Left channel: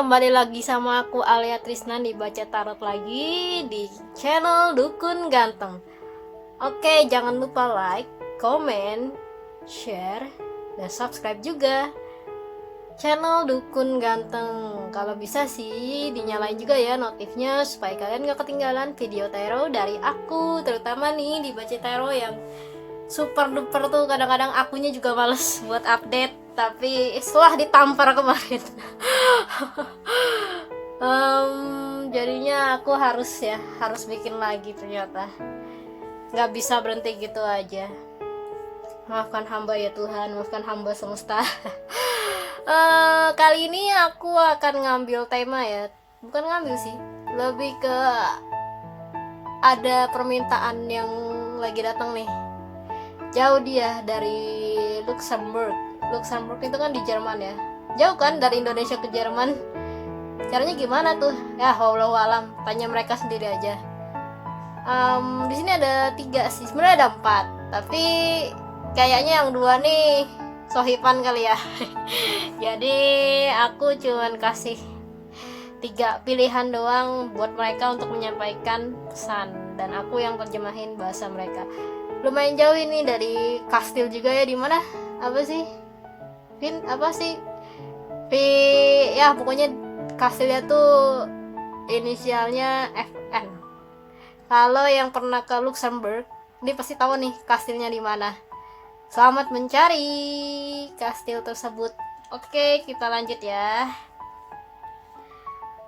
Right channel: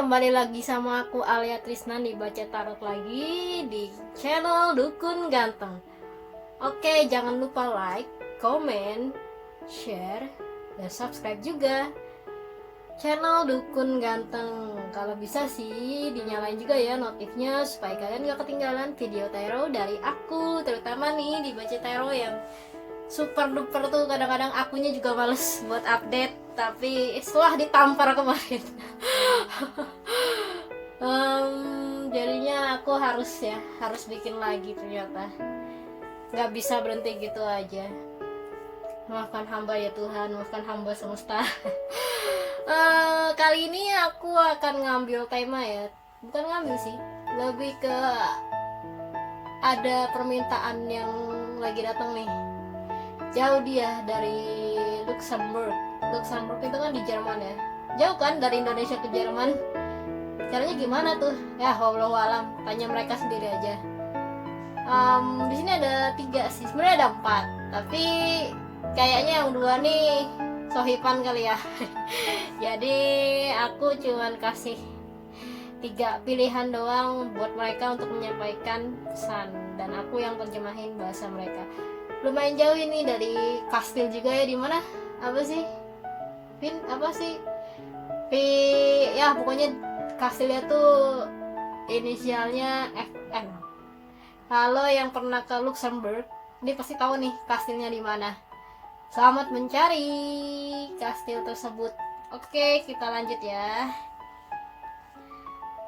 kembali lagi sama aku Alia Trisnan di Baca Tarot lagi di channel Dukun Ganteng. Oke, jangan lupa like, komen, share, dan subscribe juga channel Dukun Ganteng. Kalau bisa sih dinyalain juga ya notifnya supaya kalian gak ketinggalan video tarot dari aku, terutama nih di Baca Tarot yang super duper tuh. Kadang-kadang akunya juga males buat update, tapi setelah ditampar kemarin jadinya aku harus bikin lagi. Ternyata nggak bisa berhenti gitu aja. Maafkan hamba ya Tuhan, maafkan hamba semesta. Kali ini aku akan ngambil tema ya, bukan ngambil sih, lebih ke ada permintaan yang lagi datang nih. Jauh dia dari Luxembourg itu kan di Jerman ya, jauh kan dari Indonesia ke Jerman. Caranya gimana tuh ya, wallahu alam, tanya mereka sendiri aja. Di sini ada 3 sih, sebenarnya ada 4, tapi kayaknya yang 2 nih sohipan kali ya. Jadi aku cuman kasih 3 pilihan doang buat mereka untuk menyampaikan pesan, dan aku yang terjemahin bahasa mereka. Lumayan jauh ini, dari kastil juga ya. Di mana? Apa sih? Ya pokoknya kastilnya tuh inisialnya FN. Kalau yang pernah ke Luxembourg, ini pasti tahu nih kastilnya di mana. Selamat mencari kastil tersebut. Oke, kita lanjut ya.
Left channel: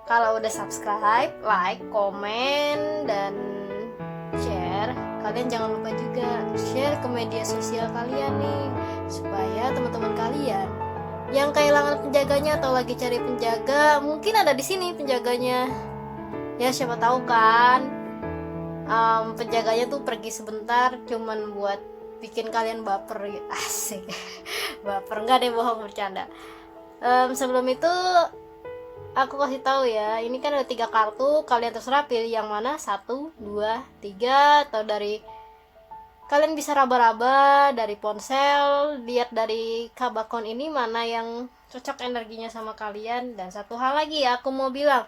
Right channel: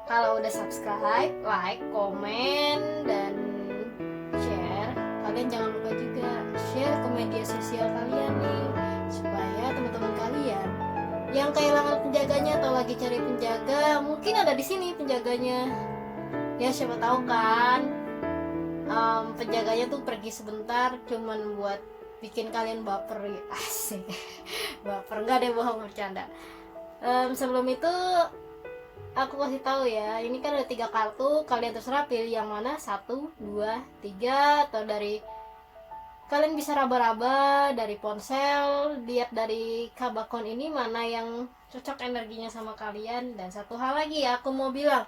Kalau udah subscribe, like, komen, dan share, kalian jangan lupa juga share ke media sosial kalian nih, supaya teman-teman kalian yang kehilangan penjaganya atau lagi cari penjaga, mungkin ada di sini penjaganya. Ya siapa tahu kan, penjaganya tuh pergi sebentar cuman buat bikin kalian baper. Asik. Baper enggak deh, bohong, bercanda. Sebelum itu aku kasih tahu ya, ini kan ada 3 kartu, kalian terserah pilih yang mana, 1, 2, 3, atau dari kalian bisa raba-raba dari ponsel, lihat dari kabakon ini mana yang cocok energinya sama kalian. Dan satu hal lagi ya, aku mau bilang,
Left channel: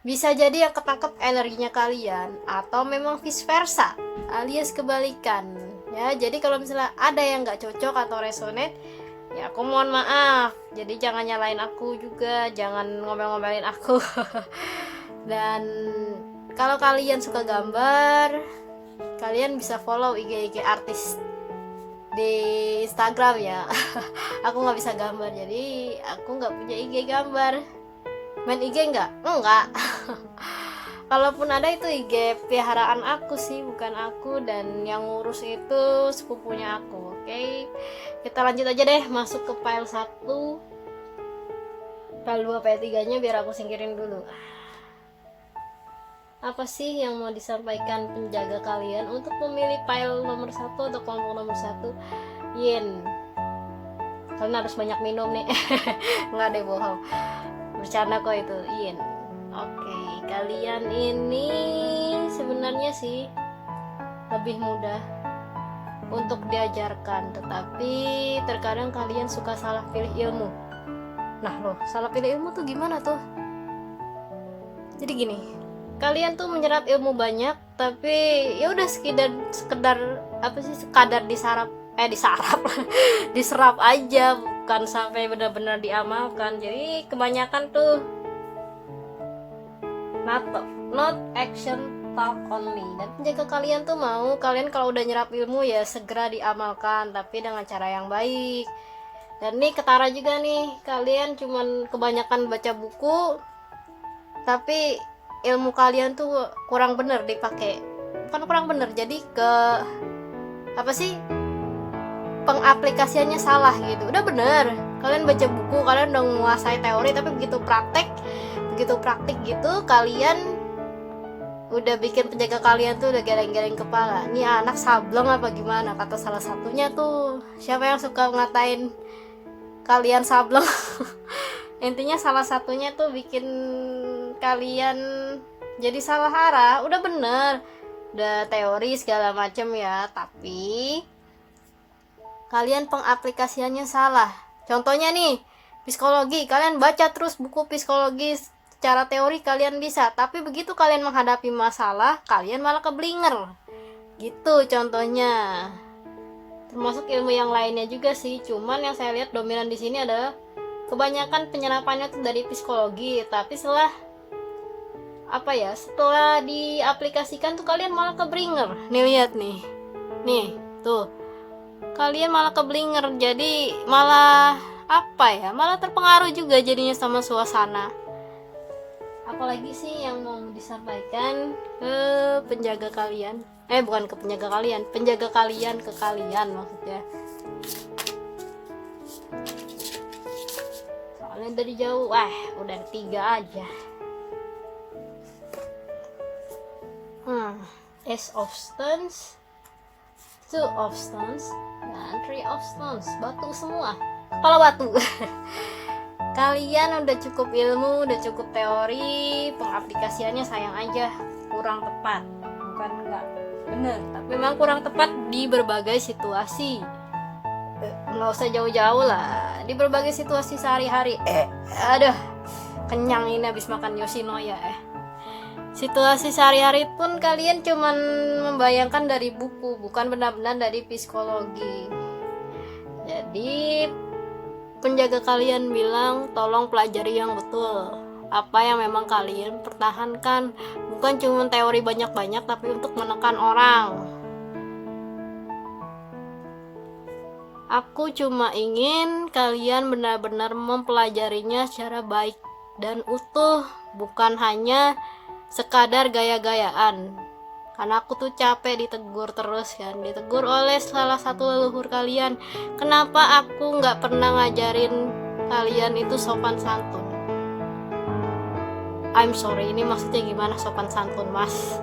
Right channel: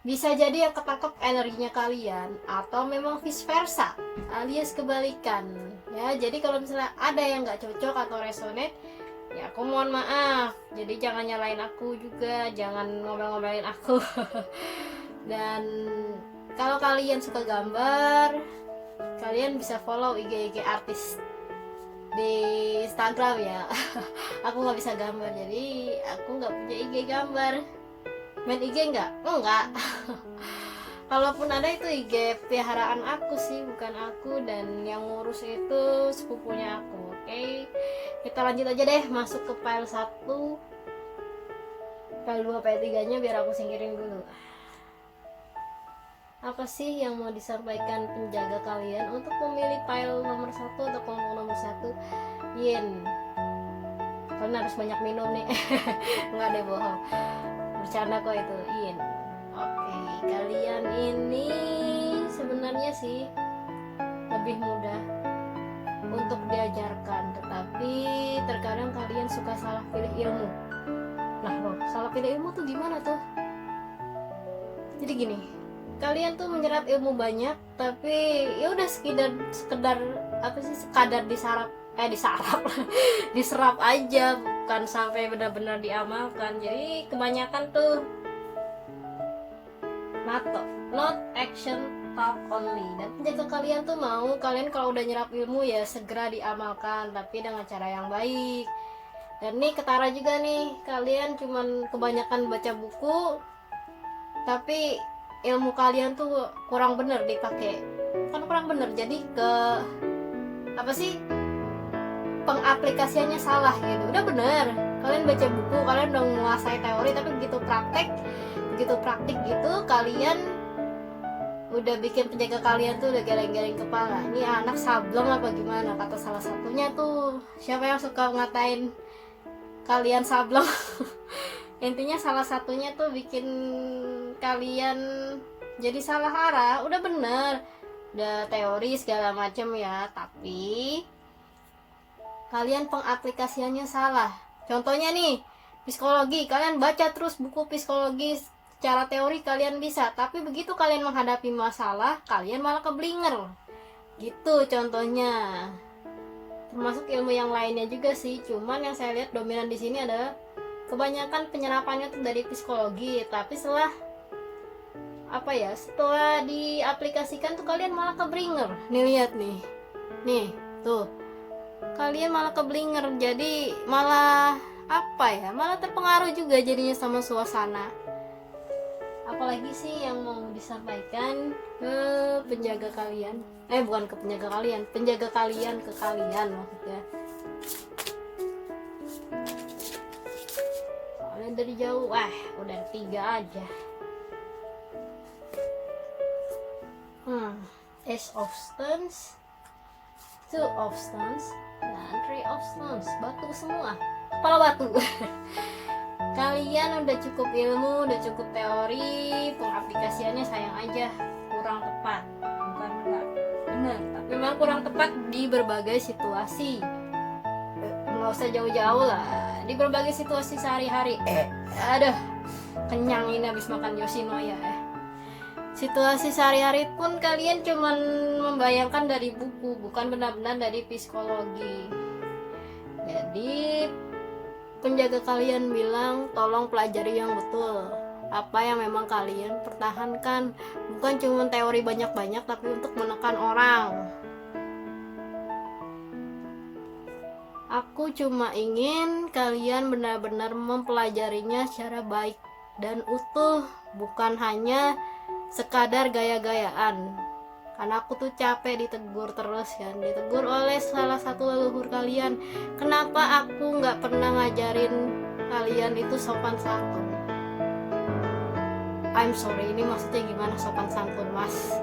bisa jadi yang ketangkep energinya kalian, atau memang vice versa, alias kebalikan ya. Jadi kalau misalnya ada yang nggak cocok atau resonate, ya aku mohon maaf. Jadi jangan nyalain aku juga, jangan ngomel-ngomelin aku. Dan kalau kalian suka gambar, kalian bisa follow IG artis di Instagram ya. Aku nggak bisa gambar, jadi aku nggak punya IG gambar. Main IG enggak? Kalaupun ada, itu IG piharaan aku sih, bukan aku, dan yang ngurus itu sepupunya aku. Oke, kita lanjut aja deh, masuk ke file 1, file 2, file 3 nya biar aku singkirin dulu. Apa sih yang mau disampaikan penjaga kalian untuk memilih file nomor 1 atau kelompok nomor 1? Yin, kalian harus banyak minum nih. Nggak deh, bohong, bercanda kok itu. Yin. Oke, kalian ini sebenarnya sih lebih mudah untuk diajarkan, tetapi terkadang kalian suka salah pilih ilmu. Nah loh, salah pilih ilmu tuh gimana tuh? Jadi gini, kalian tuh menyerap ilmu banyak, tapi ya udah sekedar apa sih, sekadar diserap aja, bukan sampai benar-benar diamalkan. Jadi kebanyakan tuh not action, talk only. Dan penjaga kalian tuh mau kalian kalau udah nyerap ilmu ya segera diamalkan, tapi dengan cara yang baik. Dan nih ketara juga nih, kalian cuman kebanyakan baca buku, tapi ilmu kalian tuh kurang bener dipakai. Bukan kurang bener, jadi ke apa sih, pengaplikasiannya salah gitu. Udah bener, kalian baca buku, kalian udah menguasai teori, tapi begitu praktik gitu, kalian udah bikin penjaga kalian tuh udah geleng-geleng kepala. Ini anak sableng apa gimana? Kata salah satunya tuh, siapa yang suka ngatain kalian sableng? Intinya salah satunya tuh bikin kalian jadi salah arah. Udah bener, udah teori segala macem ya, tapi kalian pengaplikasiannya salah. Contohnya nih, Psikologi, kalian baca terus buku psikologi secara teori kalian bisa, tapi begitu kalian menghadapi masalah kalian malah keblinger gitu contohnya. Termasuk ilmu yang lainnya juga sih, cuman yang saya lihat dominan di sini adalah kebanyakan penyerapannya tuh dari psikologi, tapi setelah setelah diaplikasikan tuh kalian malah keblinger. Nih lihat nih tuh, kalian malah keblinger, jadi malah malah terpengaruh juga jadinya sama suasana. Apalagi sih yang mau disampaikan ke penjaga kalian, bukan ke penjaga kalian, penjaga kalian ke kalian maksudnya. Soalnya dari jauh, udah 3 aja. Ace of Stones, Two of Stones, dan Three of Stones. Batu semua, kepala batu. Kalian udah cukup ilmu, udah cukup teori, pengaplikasiannya sayang aja kurang tepat. Bukan enggak benar, tapi memang kurang tepat di berbagai situasi. Nggak usah jauh-jauh lah, di berbagai situasi sehari-hari. Aduh, kenyang ini habis makan Yoshinoya. Situasi sehari-hari pun kalian cuman membayangkan dari buku, bukan benar-benar dari psikologi. Jadi penjaga kalian bilang tolong pelajari yang betul, apa yang memang kalian pertahankan, bukan cuma teori banyak-banyak tapi untuk menekan orang. Aku cuma ingin kalian benar-benar mempelajarinya secara baik dan utuh, bukan hanya sekadar gaya-gayaan. Karena aku tuh capek ditegur terus kan, ditegur oleh salah satu leluhur kalian, kenapa aku nggak pernah ngajarin kalian itu sopan santun. I'm sorry, ini maksudnya gimana sopan santun, mas?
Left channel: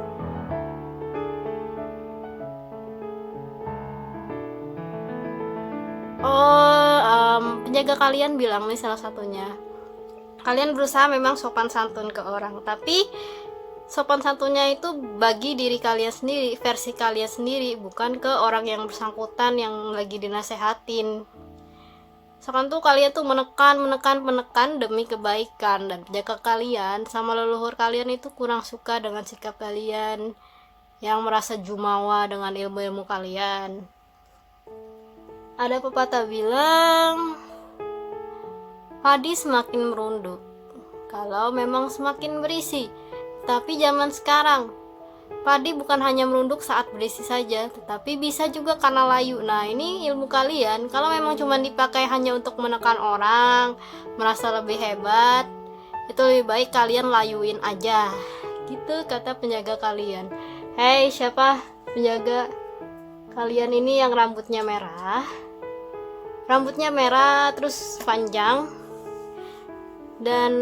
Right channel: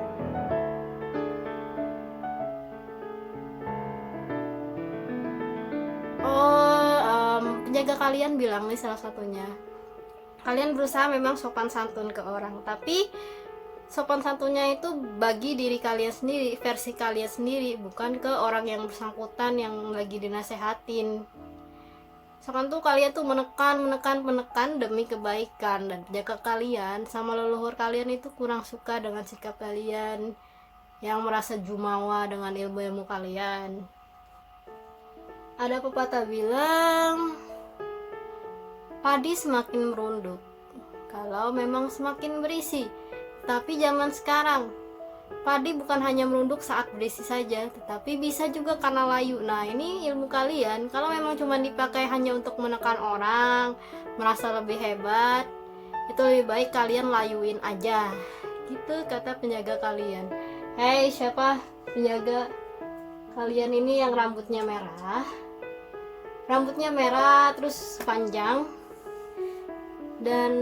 Penjaga kalian bilang nih, salah satunya, kalian berusaha memang sopan santun ke orang, tapi sopan santunnya itu bagi diri kalian sendiri, versi kalian sendiri, bukan ke orang yang bersangkutan yang lagi dinasehatin. Soalnya tuh kalian tuh menekan demi kebaikan, dan penjaga kalian sama leluhur kalian itu kurang suka dengan sikap kalian yang merasa jumawa dengan ilmu-ilmu kalian. Ada pepatah bilang, padi semakin merunduk kalau memang semakin berisi. Tapi zaman sekarang, padi bukan hanya merunduk saat berisi saja, tetapi bisa juga karena layu. Nah, ini ilmu kalian, kalau memang cuma dipakai hanya untuk menekan orang, merasa lebih hebat, itu lebih baik kalian layuin aja. Gitu kata penjaga kalian. Hei, siapa penjaga kalian ini yang rambutnya merah? Rambutnya merah terus panjang dan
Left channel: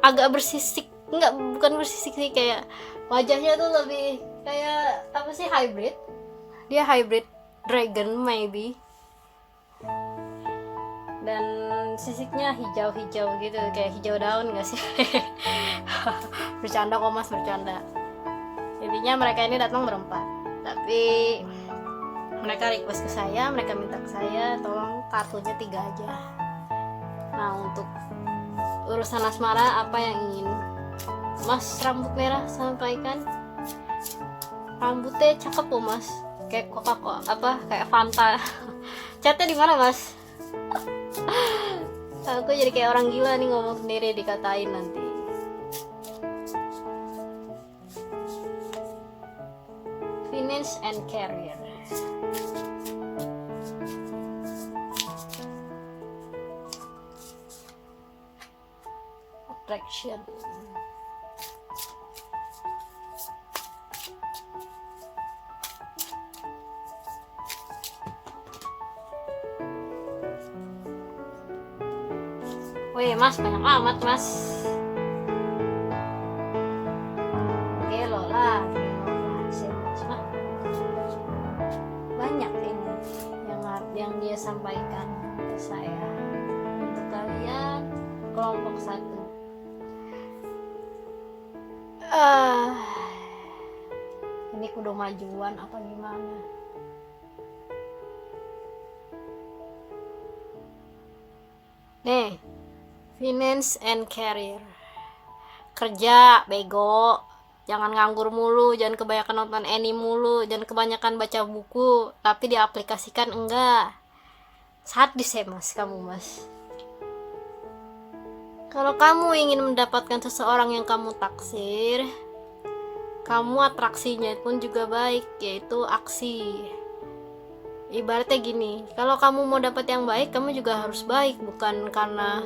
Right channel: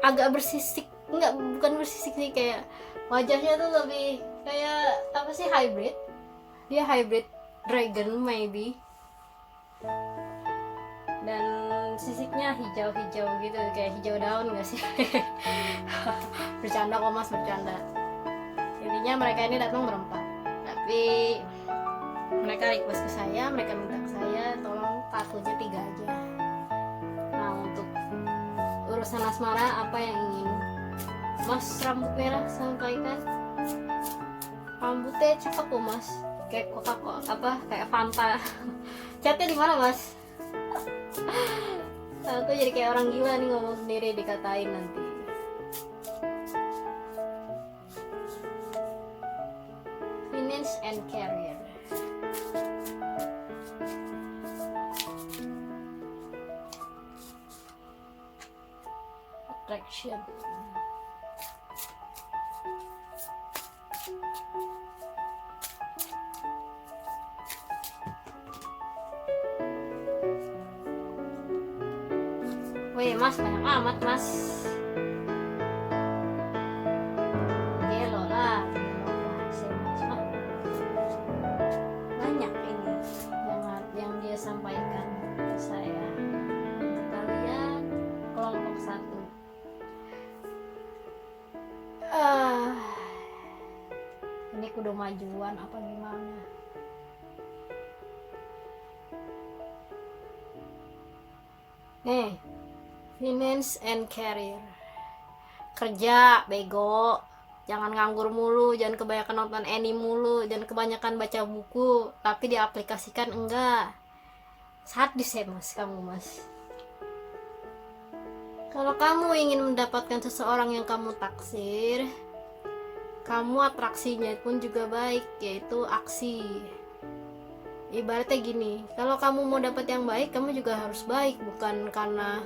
agak bersisik. Enggak, bukan bersisik sih, kayak wajahnya tuh lebih kayak hybrid. Dia hybrid dragon maybe. Dan sisiknya hijau-hijau gitu, kayak hijau daun gak sih? Bercanda kok mas, bercanda. Intinya mereka ini datang berempat, tapi mereka request ke saya, mereka minta ke saya tolong kartunya 3 aja. Nah, untuk urusan asmara apa yang ingin mas rambut merah sampaikan? Rambutnya cakep loh mas, kayak kayak Fanta. Catnya di mana mas? Aku jadi kayak orang gila nih ngomong sendiri, dikatain nanti. Finance and career. Attraction. Wih mas, banyak amat mas. Gelo lah mas. Banyak ini yang dia sampaikan ke saya. Untuk kalian kelompok 1. Ini kudu majuan apa gimana? Nih, finance and career. Kerja, bego. Jangan nganggur mulu, jangan kebanyakan nonton anime mulu, jangan kebanyakan baca buku, tapi diaplikasikan enggak. Sadis ya mas, kamu mas. Kalau kamu ingin mendapatkan seseorang yang kamu taksir, kamu atraksinya pun juga baik, yaitu aksi. Ibaratnya gini, kalau kamu mau dapat yang baik, kamu juga harus baik, bukan karena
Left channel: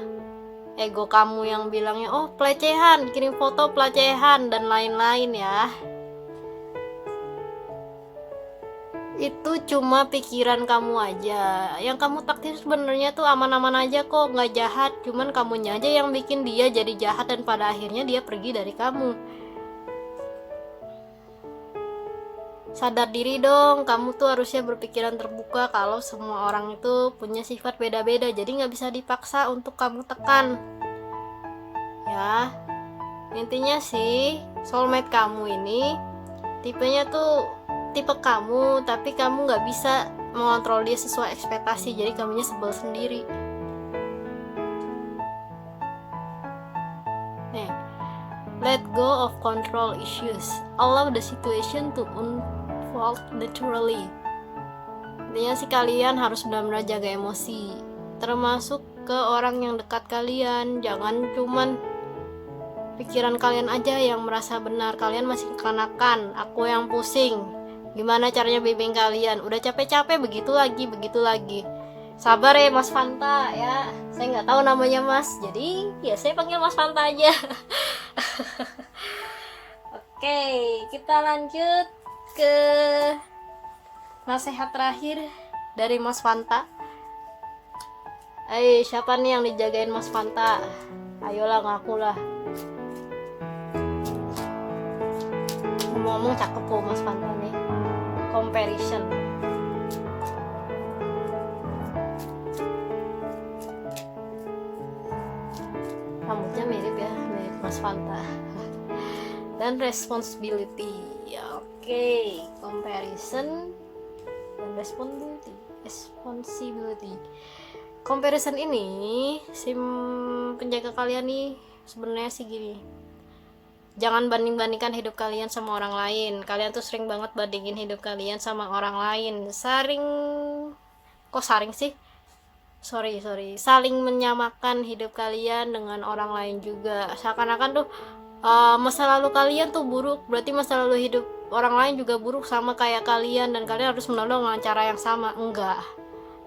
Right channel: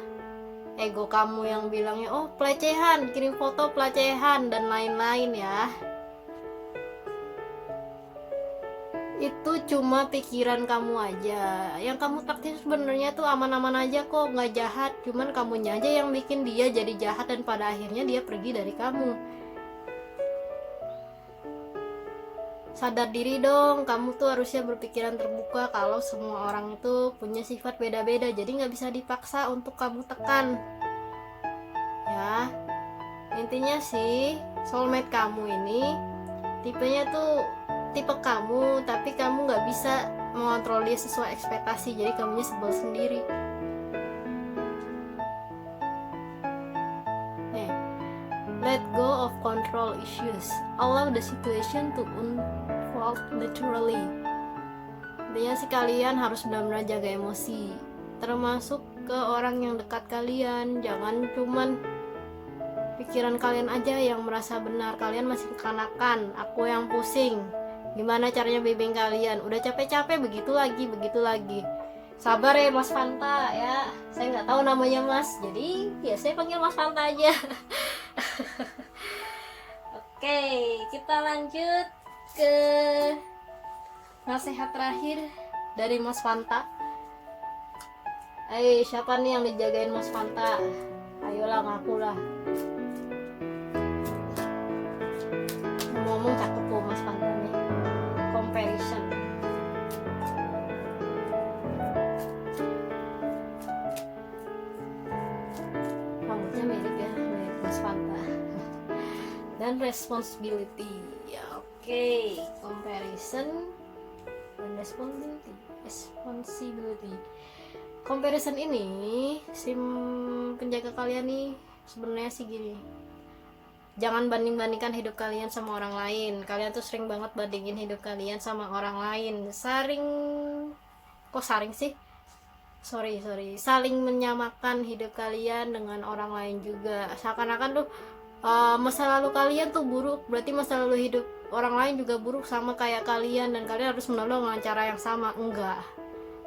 ego kamu yang bilangnya oh pelecehan, kirim foto pelecehan dan lain-lain ya. Itu cuma pikiran kamu aja. Yang kamu taksir sebenarnya tuh aman-aman aja kok, nggak jahat, cuman kamunya aja yang bikin dia jadi jahat dan pada akhirnya dia pergi dari kamu. Sadar diri dong, kamu tuh harusnya berpikiran terbuka kalau semua orang itu punya sifat beda-beda, jadi nggak bisa dipaksa untuk kamu tekan. Ya, intinya sih soulmate kamu ini tipenya tuh tipe kamu, tapi kamu nggak bisa mengontrol dia sesuai ekspektasi, jadi kamunya sebel sendiri. Nih, let go of control issues, allow the situation to unfold naturally. Intinya sih kalian harus benar-benar jaga emosi, termasuk ke orang yang dekat kalian. Jangan cuman pikiran kalian aja yang merasa benar, kalian masih kekanakan, aku yang pusing. Gimana caranya bimbing kalian? Udah capek-capek begitu lagi. Sabar ya Mas Fanta ya. Saya nggak tahu namanya Mas, jadi ya saya panggil Mas Fanta aja. Oke, kita lanjut ke nasihat terakhir dari Mas Fanta. Siapa nih yang dijagain Mas Fanta? Ayolah ngaku lah. Ngomong cakep kok Mas Fanta nih. Comparison. Rambutnya mirip ya, mirip Mas Fanta. Dan responsibility. Ya, oke. Comparison dan responsibility. Comparison ini si penjaga kalian nih sebenarnya sih gini. Jangan banding-bandingkan hidup kalian sama orang lain. Kalian tuh sering banget bandingin hidup kalian sama orang lain. Saling menyamakan hidup kalian dengan orang lain juga. Seakan-akan tuh masa lalu kalian tuh buruk, berarti masa lalu hidup orang lain juga buruk sama kayak kalian, dan kalian harus menolong dengan cara yang sama. Enggak.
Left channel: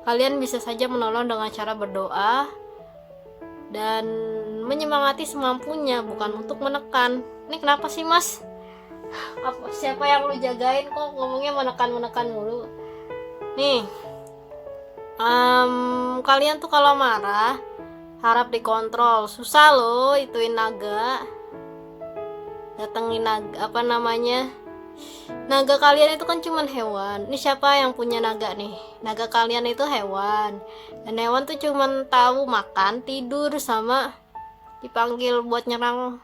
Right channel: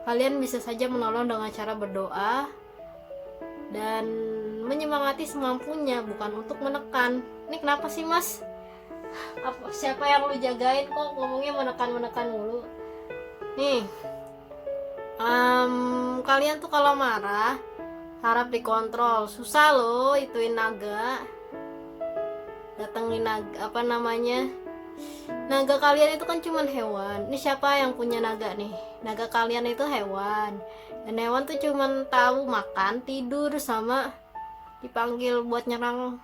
Kalian bisa saja menolong dengan cara berdoa dan menyemangati semampunya, bukan untuk menekan. Ini kenapa sih Mas? Siapa yang lu jagain kok ngomongnya menekan mulu? Nih, kalian tuh kalau marah harap dikontrol. Susah loh ituin naga, datengin naga, naga kalian itu kan cuman hewan. Ini siapa yang punya naga nih? Naga kalian itu hewan, dan hewan tuh cuman tahu makan, tidur, sama dipanggil buat nyerang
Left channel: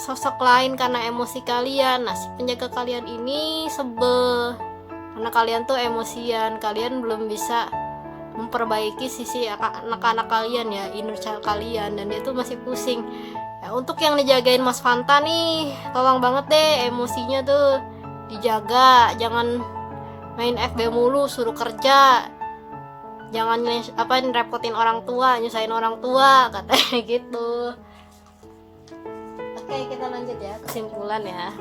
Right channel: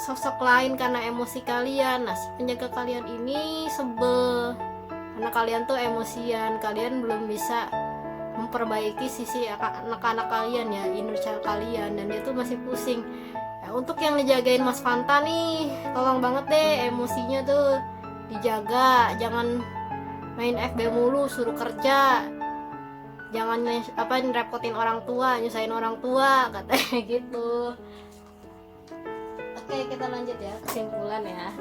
sosok lain karena emosi kalian. Nah, si penjaga kalian ini sebel karena kalian tuh emosian, kalian belum bisa memperbaiki sisi anak-anak kalian ya, inner child kalian, dan dia tuh masih pusing. Untuk yang dijagain Mas Fanta nih, tolong banget deh emosinya tuh dijaga. Jangan main FB mulu, suruh kerja. Jangan repotin orang tua, nyusahin orang tua, katanya gitu. Oke, kita lanjut ya, kesimpulan ya.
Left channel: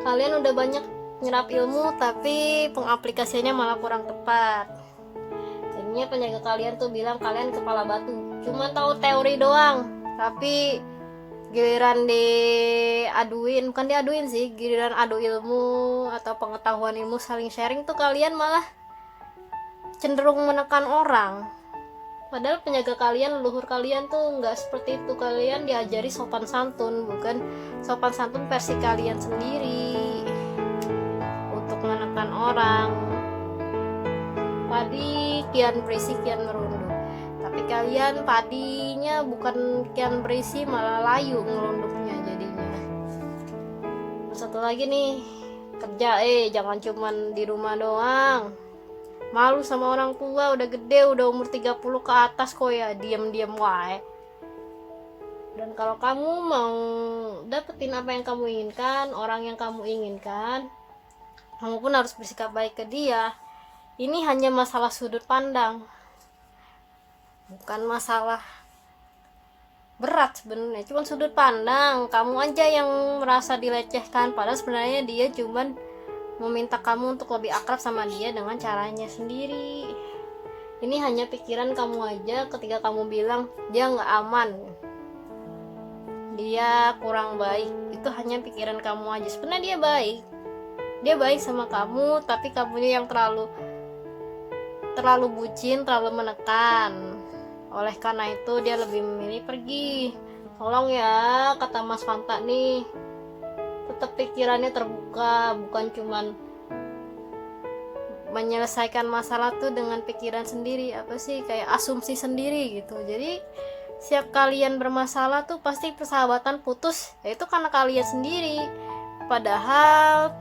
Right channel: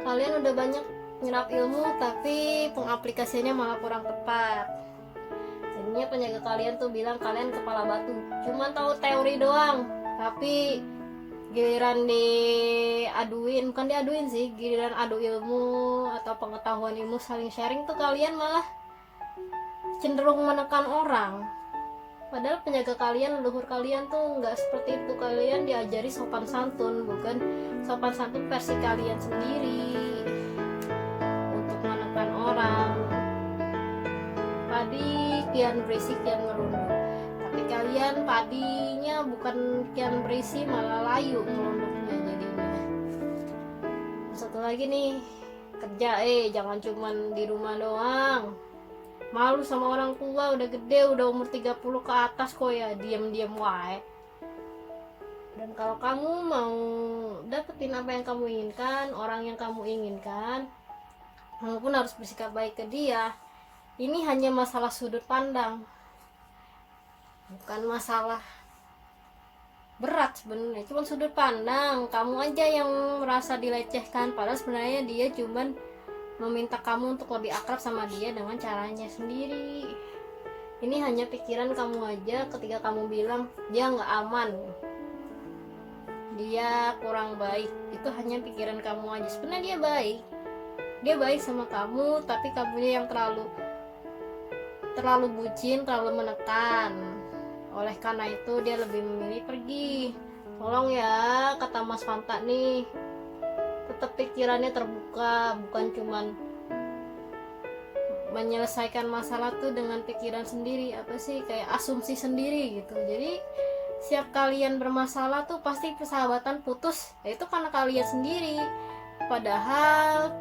Kalian udah banyak nyerap ilmu, tapi pengaplikasiannya malah kurang tepat. Jadinya penjaga kalian tuh bilang kalian kepala batu, cuman tahu teori doang. Tapi giliran giliran adu ilmu atau pengetahuan ilmu saling sharing tuh kalian malah cenderung menekan orang. Padahal penjaga kalian, leluhur kalian tuh nggak seperti itu. Kalian diajari sopan santun, bukan sopan santun versi kalian sendiri untuk menekan orang. Padi kian berisik kian merunduk, tapi kalian padinya bukan kian berisi malah layu ngelunduknya jadinya. Satu lagi nih, kerja jangan cuman di rumah doang. malu sama orang tua, udah gede, udah umur 30 ke atas kok ya diam-diam wae. Dan kalau kamu mau dapetin apa yang kamu inginkan, orang yang kamu inginkan, kamu pun harus bersikap baik ke dia. Ini hanya masalah sudut pandang, bukan masalah berat sebenarnya, cuma sudut pandang. Kamu aja yang merasa dilecehkan, padahal sebenarnya dia cuman meminta kamu untuk lebih akrab sama dia dengan caranya sendiri. Ini hanya pikiran kamu aja ketika kamu bilang dia nggak aman, dia kurang baik. Itu hanya pikiran kamu aja. Sebenarnya dia baik sama kamu, tapi kamunya yang terlalu bucin, terlalu menekan. Oleh karena itu dia lebih memilih pergi. Tolong ya, kata Mas Fanta nih, tetap pikirannya terbuka, bukan cuman menyelesaikan masalah tuh dengan pikiran sendiri, apa sih, kayak asumsi sendiri gitu. Jadi setiap kalian bermasalah tuh pasti persahabatan putus, yaitu karena kalian sendiri. Padahal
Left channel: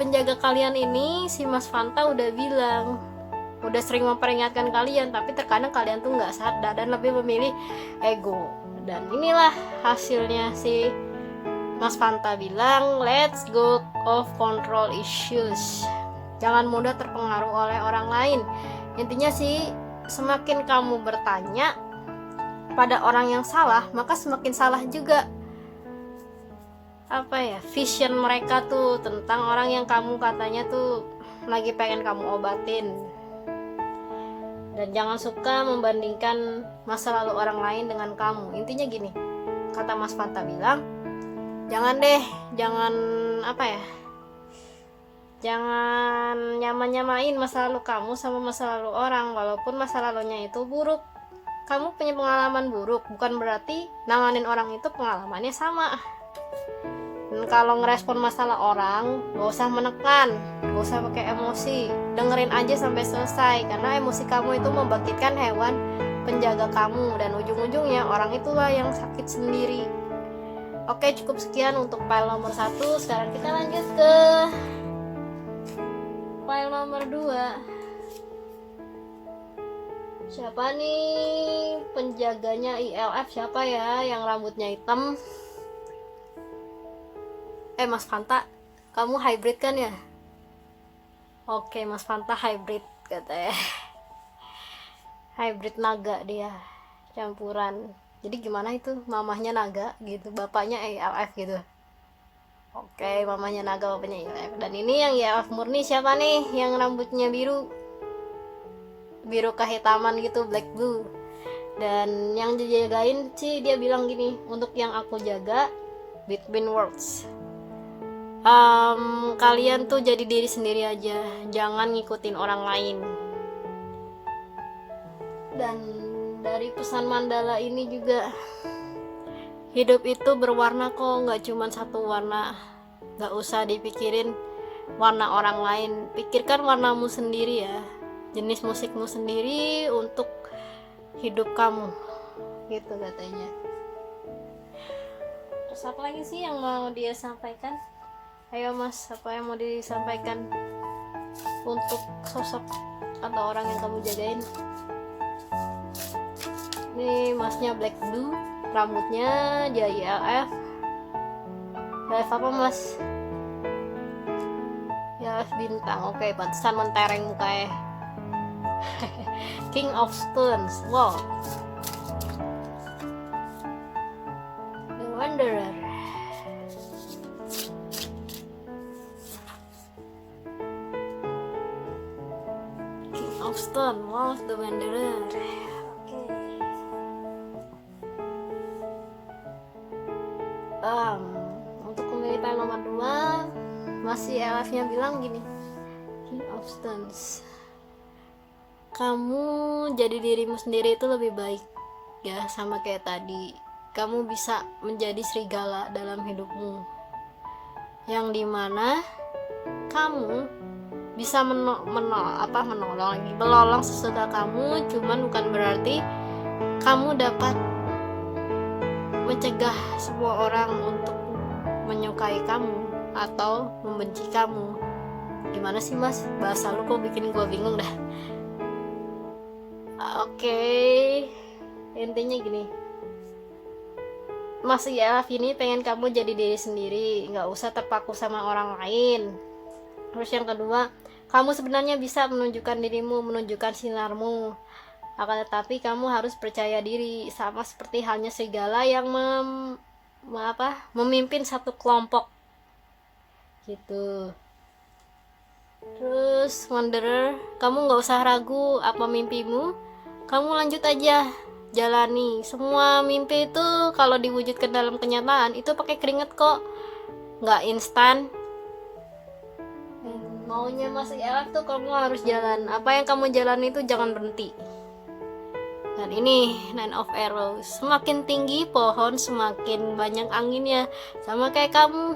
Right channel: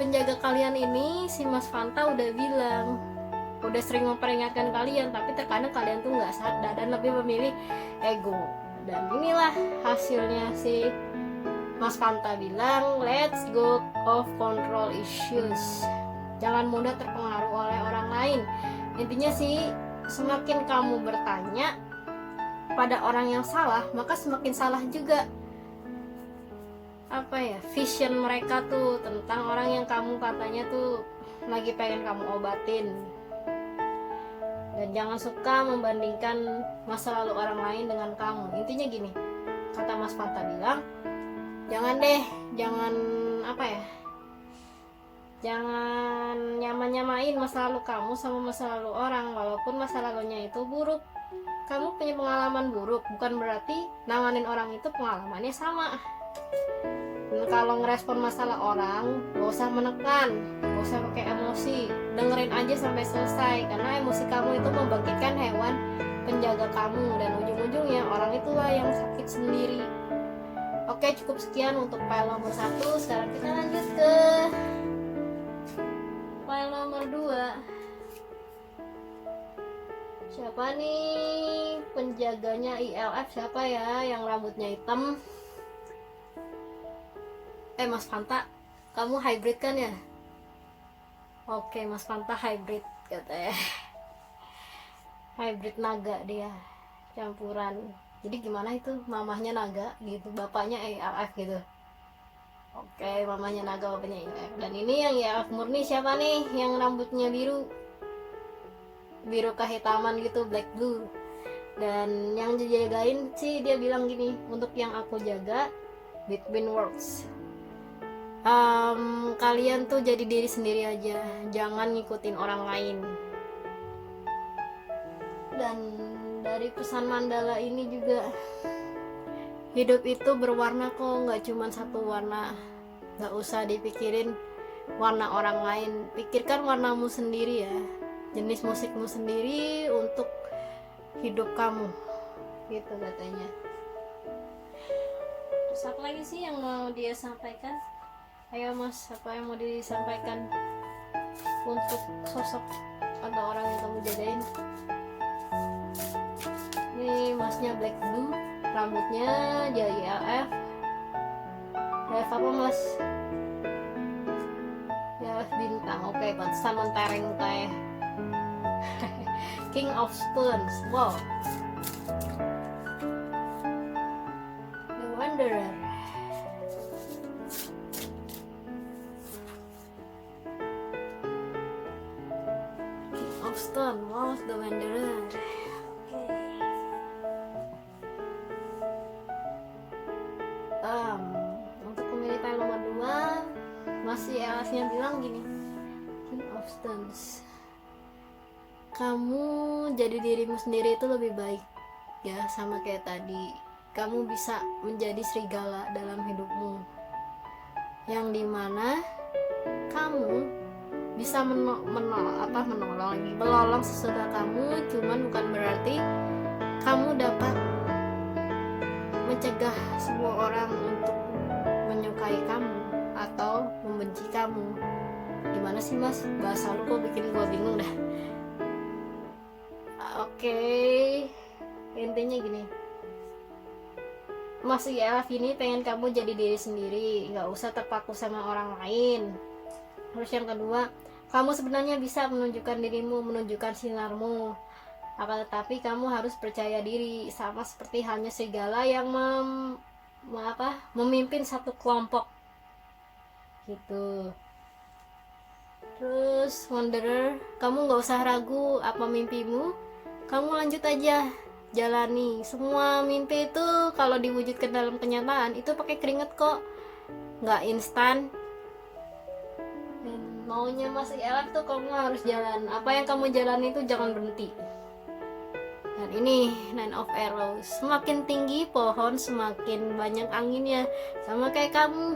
penjaga kalian ini, si Mas Fanta udah bilang, udah sering memperingatkan kalian, tapi terkadang kalian tuh nggak sadar dan lebih memilih ego. Dan inilah hasilnya si Mas Fanta bilang, let's go of control issues. Jangan mudah terpengaruh oleh orang lain. Intinya sih, semakin kamu bertanya pada orang yang salah, maka semakin salah juga vision mereka tuh tentang orang yang kamu katanya tuh lagi pengen kamu obatin. Dan jangan suka membandingkan masa lalu orang lain dengan kamu. Intinya gini, kata Mas Fanta bilang, jangan nyamain masa lalu kamu sama masa lalu orang. Walaupun masa lalunya itu buruk, kamu punya pengalaman buruk, bukan berarti nanganin orang itu pengalamannya sama. Dan kalau ngerespon masalah orang, gak usah menekan, gak usah pakai emosi, dengerin aja sampai selesai. Karena emosi kamu itu membangkitkan hewan penjaga kamu, dan ujung-ujungnya orang itulah yang sakit sendiri. Oke, cukup sekian untuk file nomor 1. Sekarang kita lanjut ke file nomor 2. Siapa nih penjaganya ILF? Siapa ya yang rambutnya hitam? Mas Fanta, kamu hybrid kan ya? Oke, Mas Fanta hybrid katanya. Hybrid naga dia, campuran. Jadi gimana itu? Mamahnya naga gitu, bapaknya ILF gitu. Oke, mamanya naga, bapaknya ILF. Dan ini yang ILF murni siapa nih? Yang rambutnya biru kehitaman gitu, black blue. Dan yang dijagain sih dia bilang gini, untuk yang aku jaga between worlds, kalian tuh jadi diri sendiri aja, jangan ngikutin orang lain. Dan dari pesan mandala ini juga, hidup itu berwarna kok, nggak cuma satu warna. Nggak usah dipikirin warna orang lain, pikirkan warnamu sendiri ya, jenis musikmu sendiri untuk hidup kamu, gitu katanya. Terus apa lagi sih yang mau dia sampaikan? Ayo Mas, apa yang mau disampaikan untuk sosok atau orang yang kamu jagain? Ini Masnya black blue, rambutnya JILF. JILF apa Mas? JILF bintang. Oke, pantesan mentereng mukanya. King of Stones. Wow. The Wanderer. King of Stone. Wow, The Wanderer. Untuk pemilih file nomor 2, masih LF-nya bilang gini, King of Stones, kamu jadi dirimu sendiri itu lebih baik ya, sama kayak tadi. Kamu bisa menjadi serigala dalam hidupmu, yang dimana kamu bisa melolong sesuka kamu. Cuman bukan berarti kamu dapat mencegah semua orang untuk menyukai kamu atau membenci kamu. Gimana sih Mas? Bahasa lu kok bikin gue bingung dah. Oke, intinya gini, Mas ILF ini pengen kamu jadi diri sendiri, nggak usah terpaku sama orang lain. Terus yang kedua, kamu sebenarnya bisa menunjukkan dirimu, menunjukkan sinarmu. Akan tetapi kamu harus percaya diri, sama seperti halnya serigala yang memimpin satu kelompok gitu. Terus Wanderer, kamu nggak usah ragu apa mimpimu, kamu lanjut aja jalani. Semua mimpi itu kalau diwujudkan dalam kenyataan itu pakai keringet kok, nggak instan. Maunya Mas ILF tuh kamu harus jalan, apa yang kamu jalani itu jangan berhenti. Dan ini Nine of Arrows, semakin tinggi pohon semakin banyak anginnya, sama kayak kamu.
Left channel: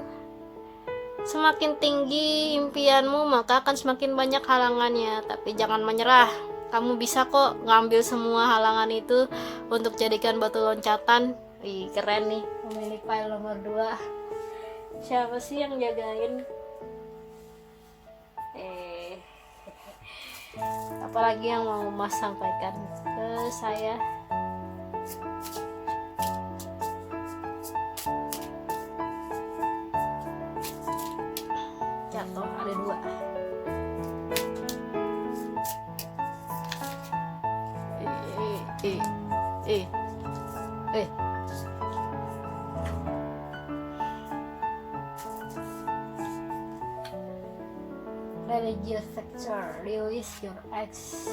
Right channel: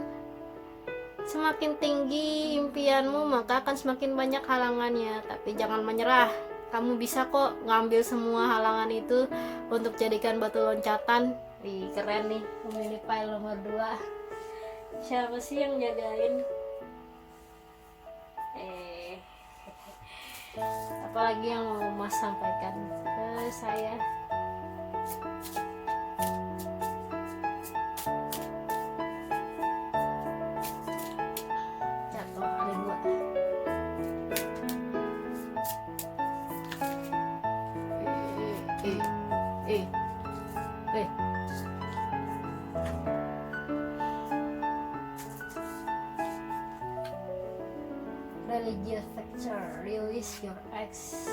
Semakin tinggi impianmu maka akan semakin banyak halangannya, tapi jangan menyerah. Kamu bisa kok ngambil semua halangan itu untuk jadikan batu loncatan. Wih, keren nih, memilih file nomor 2. Siapa sih yang jagain? Apalagi yang mau Mas sampaikan ke saya? Jatuh, ada 2. Religious factor, release your ex.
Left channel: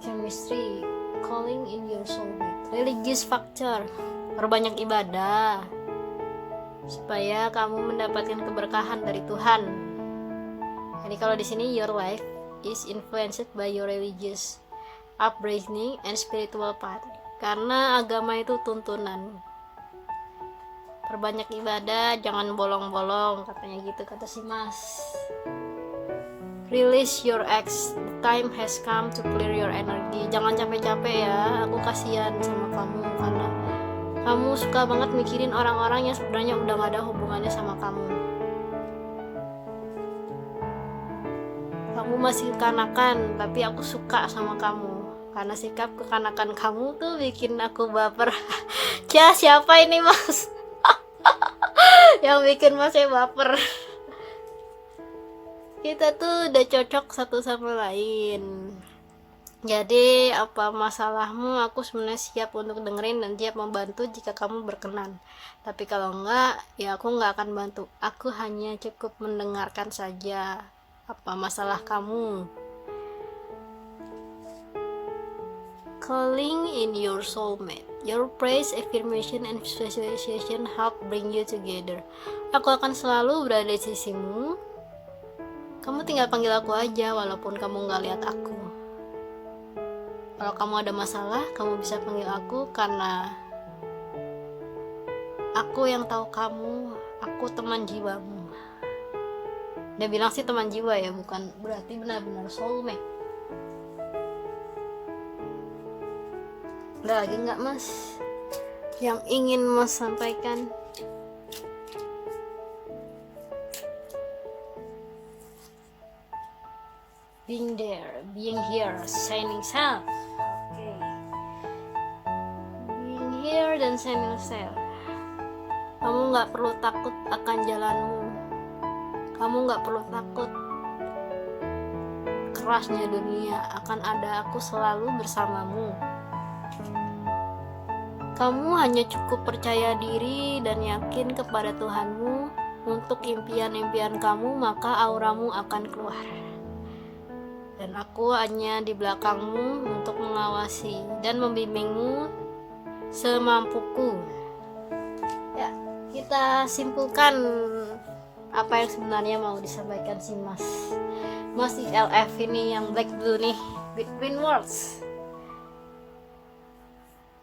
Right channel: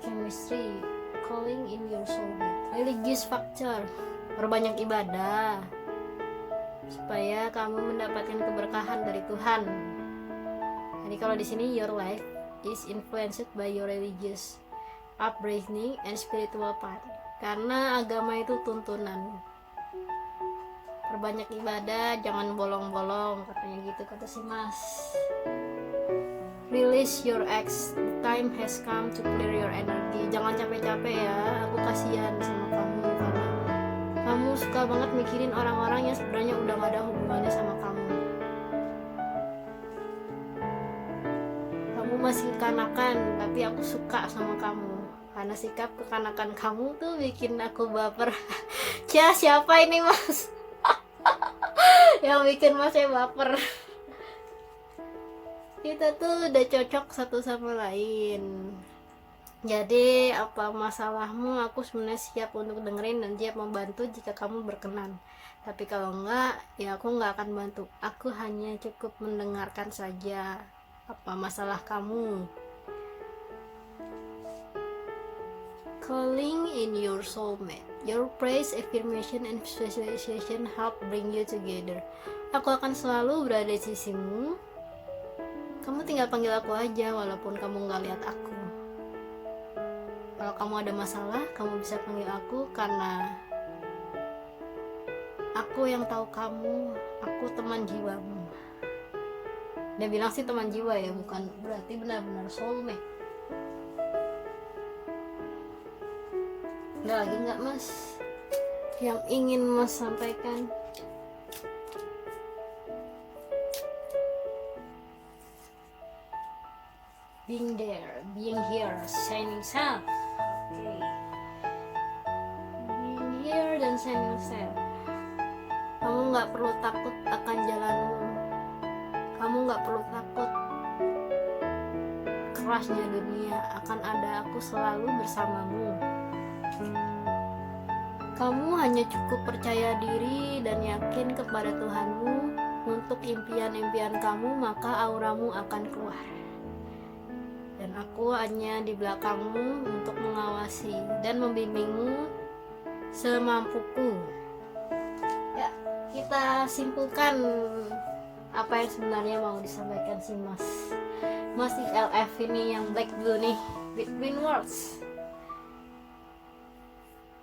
Chemistry, calling in your soulmate. Religious factor, perbanyak ibadah supaya kamu mendapatkan keberkahan dari Tuhan. Jadi kalau di sini your life is influenced by your religious upbringing and spiritual path. Karena agama itu tuntunan. Perbanyak ibadah, jangan bolong-bolong, katanya gitu kata si Mas. Release your ex, the time has come to clear your energy. Jangan capek-capek ya, aku kasihan sama kamu karena kamu suka banget mikirin orang-orang yang sebenarnya udah gak ada hubungannya sama kamu. Kamu masih kekanakan, tapi aku suka sama kamu karena sikap kekanakan kamu tuh bikin aku baper. Siapa ini Mas? Yang bikin Masnya baper. Kita tuh udah cocok satu sama lain. Jadi apa masalahmu, aku sebenarnya siap untuk dengerin dan siap membantu jika kamu berkenan. Tapi kalau enggak, ya aku enggak akan bantu. Aku hanya cukup mendengarkan saja. Apa masalah kamu? Calling in your soulmate. Your praise, affirmation, and visualization help bring you together. Aku akan selalu berada di sisimu. Kamu tinggal panggil aku aja walaupun kamu gak lihat aku. Kalau kamu ada masalah, kamu bisa panggil aku karena aku yang tahu kamu. Aku teman jiwamu. Dia bilang sih teman jiwa ya, bukan berarti benar-benar soulmate. Ada lagi nggak Mas yang ingin Mas sampaikan? Being there, being here, shining self. Oke. Being here dan shining self. Kamu nggak perlu takut akan jalanmu. Kamu nggak perlu takut kerasnya dunia. Akan ada aku selalu bersamamu. Kamu hanya cukup percaya diri dan yakin kepada Tuhanmu untuk impian-impian kamu, maka auramu akan keluar. Dan aku hanya di belakangmu untuk mengawasi dan membimbingmu semampuku. Ya, kita simpulkan apa yang sebenarnya mau disampaikan si Mas ILF ini yang black blue nih, between worlds.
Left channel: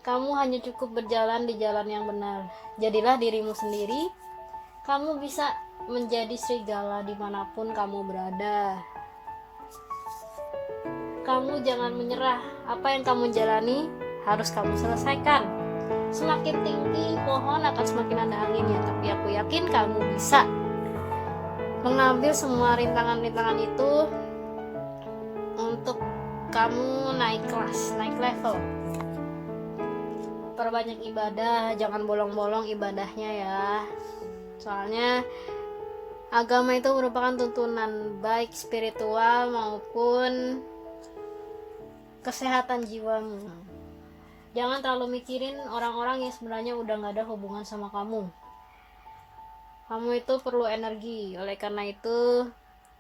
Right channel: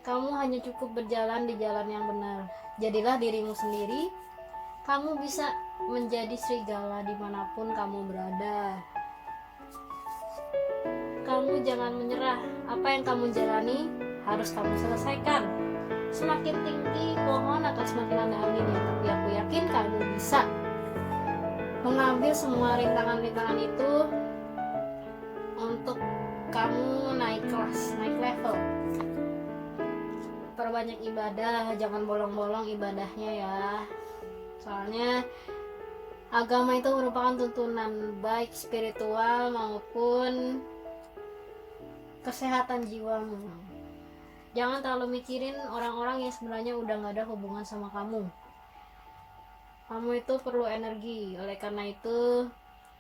Kamu hanya cukup berjalan di jalan yang benar. Jadilah dirimu sendiri. Kamu bisa menjadi serigala dimanapun kamu berada. Kamu jangan menyerah. Apa yang kamu jalani harus kamu selesaikan. Semakin tinggi pohon akan semakin ada anginnya. Tapi aku yakin kamu bisa mengambil semua rintangan-rintangan itu untuk kamu naik kelas, naik level. Perbanyak ibadah, jangan bolong-bolong ibadahnya ya. Soalnya agama itu merupakan tuntunan baik spiritual maupun kesehatan jiwamu. Jangan terlalu mikirin orang-orang yang sebenarnya udah gak ada hubungan sama kamu. Kamu itu perlu energi, oleh karena itu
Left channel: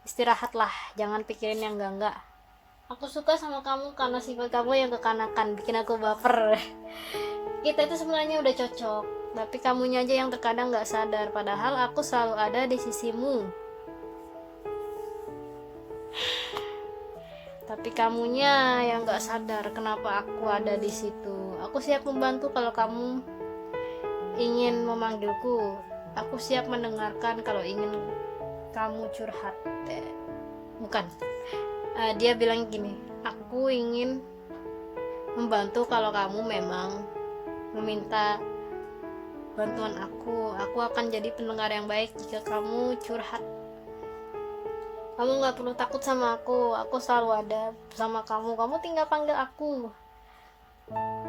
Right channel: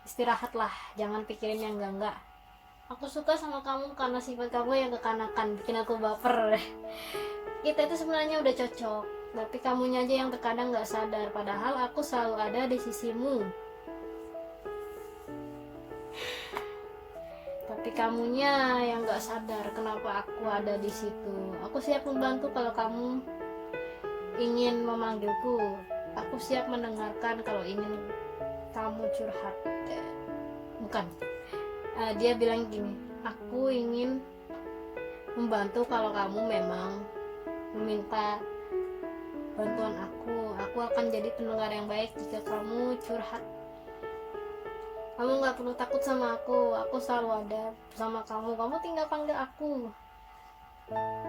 istirahatlah, jangan pikirin yang enggak. Aku suka sama kamu karena sifat kamu yang kekanakan, bikin aku baper. Kita itu sebenarnya udah cocok, tapi kamunya aja yang terkadang gak sadar, padahal aku selalu ada di sisimu. Tapi kamunya yang gak sadar kenapa aku ada di situ. Aku siap membantu kalau kamu ingin memanggilku. Aku siap mendengarkan kalau ingin kamu curhat. Bukan. Dia bilang gini, aku ingin membantu kalau kamu memang meminta bantuan aku akan jadi pendengar yang baik jika kamu curhat. Kamu gak perlu takut sama aku selalu ada bersama kamu. Kamu tinggal panggil aku.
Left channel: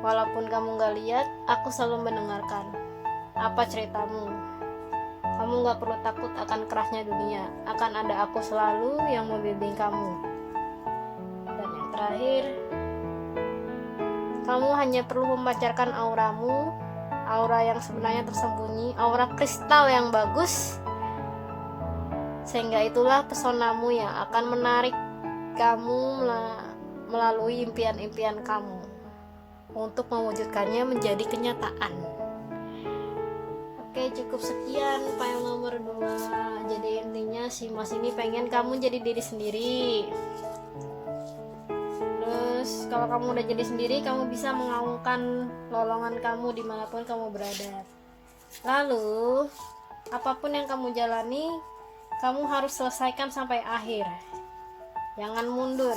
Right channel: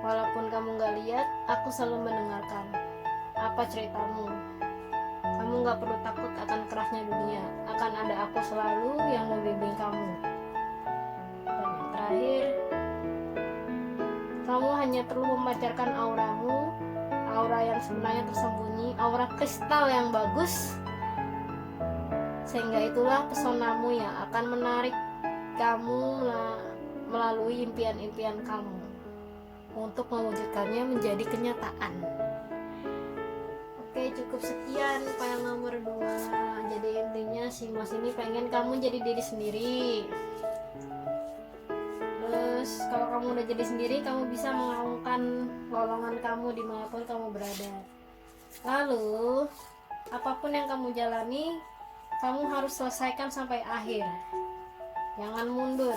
Walaupun kamu gak lihat, aku selalu mendengarkan apa ceritamu. Kamu gak perlu takut akan kerasnya dunia, akan ada aku selalu yang membimbing kamu. Dan yang terakhir, kamu hanya perlu memancarkan auramu, aura yang sebenarnya tersembunyi, aura kristal yang bagus, sehingga itulah pesonamu yang akan menarik kamu melalui impian-impian kamu untuk mewujudkannya menjadi kenyataan. Oke, cukup sekian file nomor 2. Jadi intinya si Mas ini pengen kamu jadi diri sendiri. Terus kalau kamu udah jadi sendiri, kamu bisa mengaungkan lolongan kamu dimanapun kamu berada. Lalu apapun yang kamu jalani, kamu harus selesaikan sampai akhir. Jangan mundur.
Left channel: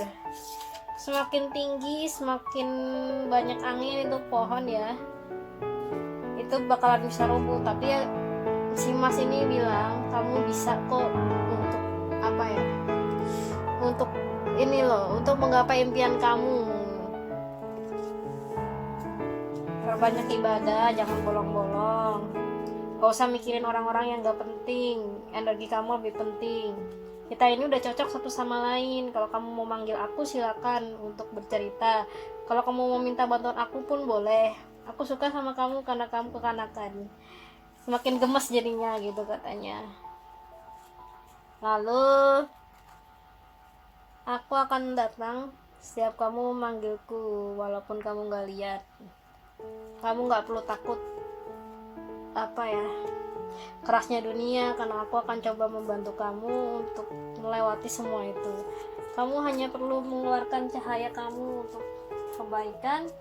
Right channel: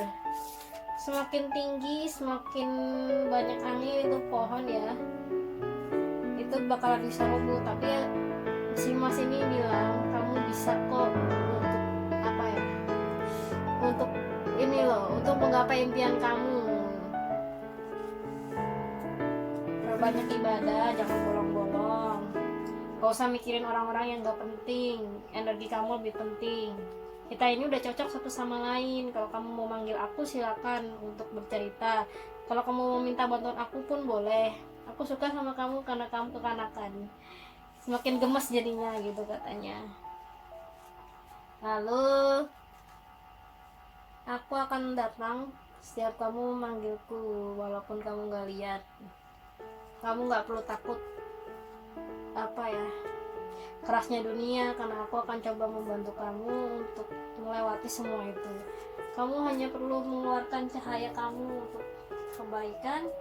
Semakin tinggi, semakin banyak angin itu pohon ya, itu bakalan bisa rubuh. Tapi ya, si Mas ini bilang kamu bisa kok untuk apa ya, untuk ini loh, untuk menggapai impian kamu. Perbanyak ibadah, jangan bolong-bolong. Gak usah mikirin orang-orang yang gak penting, energi kamu lebih penting. Kita ini udah cocok satu sama lain. Kalau kamu mau manggil aku, silakan untuk bercerita. Kalau kamu mau minta bantuan aku pun boleh. Aku suka sama kamu karena kamu kekanakan. Semakin gemes jadinya gitu katanya. Lalu aku akan datang setiap kamu memanggilku, walaupun kamu gak lihat. Kamu gak perlu takut kerasnya dunia, karena aku akan coba membantu kamu untuk melewati semua itu. Kamu hanya perlu mengeluarkan cahaya kamu untuk kebaikan,